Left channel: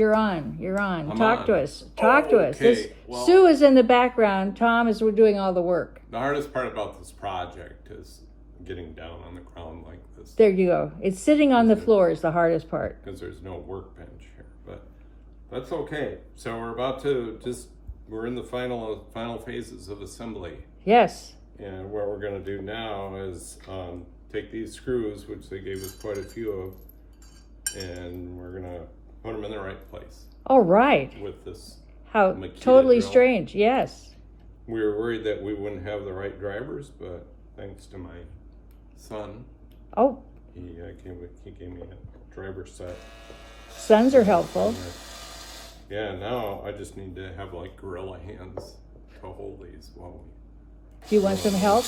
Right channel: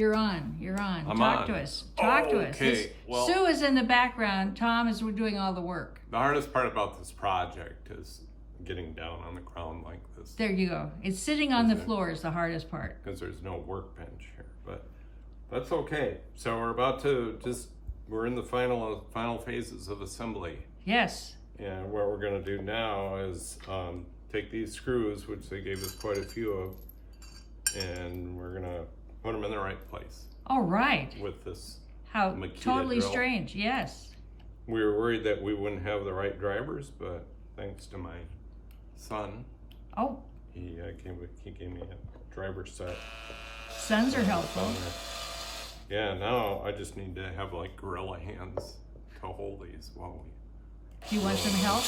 You're on. I'm Talk on. to us. Talk to us. Okay, well- Sue is in the background. Tom is doing all the work. The hardest part about this project is getting down on the ground like this. There you go. It's sitting on the Mhm. floor is the hardest part. Because there's no workbench here, but that's okay. So we're about to we're in the final phases of assembly. Yes. And what we're gonna do now is take these screws, which they gave us quite a few of, and we're gonna put them in the right place All right. with this. How Makita totally drill. strange. Yes. We were worried that we wouldn't have the right drivers, but thanks to my son, Oh, he gave me a driver set. sons are helpful. Yeah, now I just need to have like gorilla hands to hold these while we. Do you want some help?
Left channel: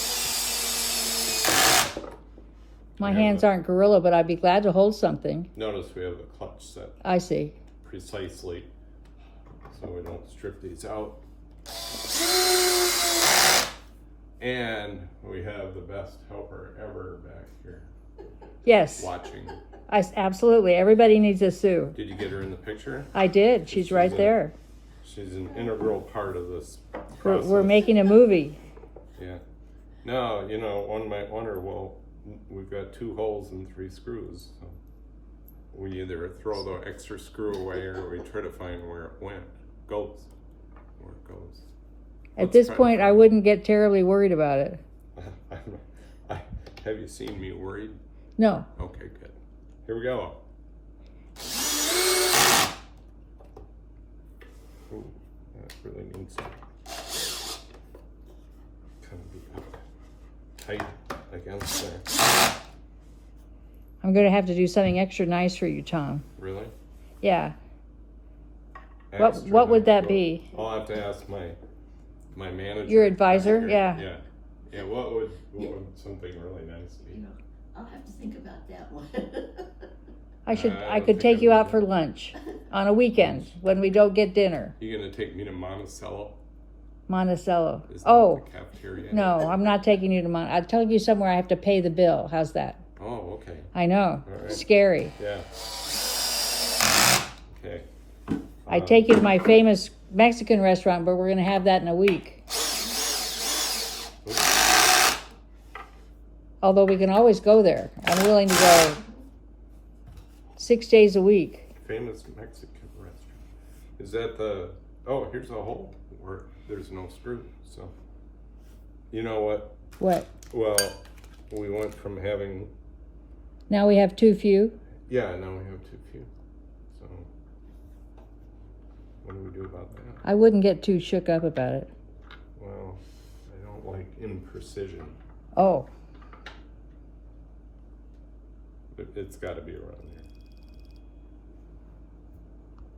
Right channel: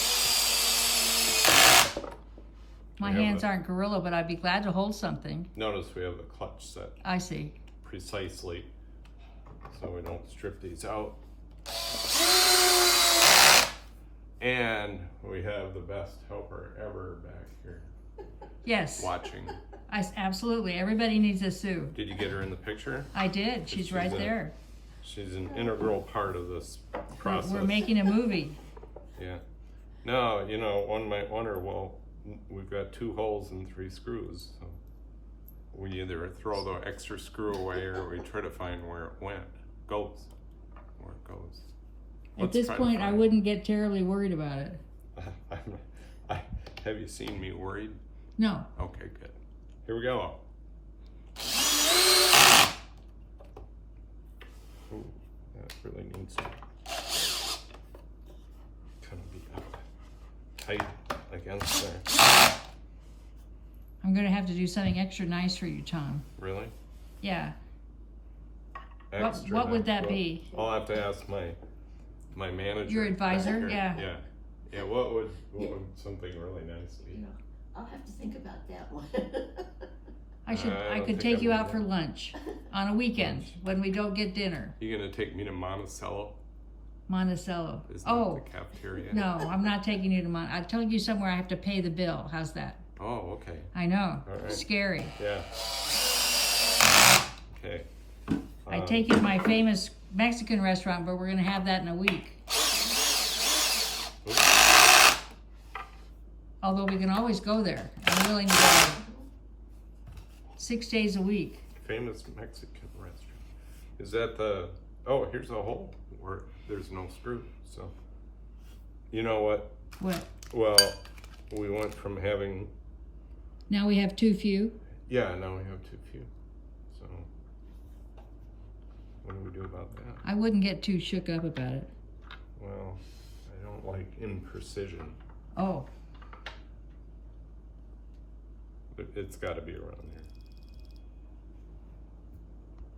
My Yeah, hands but- aren't gorilla, but I'd be glad to hold something. Notice we have the clutch set I see. precisely so we don't strip these out. And we have the best helper ever back here Yes. watching. Absolutely. Everybody needs a Sue. Did you get her in the picture? I did. She's She's right a- there. She's an integral part of this We're, process. we're making a movie. Yeah. Now, one might wonder, well, we've got 2 holes and 3 screws. So we either throw the extra screw away or we try to find where it where it goes. At Let's this try to point, I find- wouldn't get terribly worried about it. Have you seen me worried? No. Okay, good. Here we go. Ooh, that really needs to kind of be up tight against there. I'm going to have to do something extra nice for you, Tom. Really? Yeah. Extra What would nice. that be? I'll have to ask my manager. Your advisor? back Yeah. here. Yeah. What would something really nice be? I'll have to think about that one. I I could don't take think you I'm out for lunch on a weekend when we don't get dinner. You gonna take me to Monticello? Monticello. Is that Oh, the cafeteria? no, I'm not taking you to I'll tell you somewhere I have to pay the bill. How's that? Oh, okay. I know. All right. Scary. Yeah. Okay. I'd take you to my famous Mexican restaurant, but we're going to have that in a week. Although we can always go there. I'm willing to go 6 days a week. Famous Mexican restaurant. Is that the? Oh, here's a hole where there's no screw. So, you know what? What? Well, we went from having. Now we have too few? Yeah, now we have too few. So, what do we do about that? I wouldn't get too shook up about it. Well, I don't like imprecision, Oh, but it's got to be around there.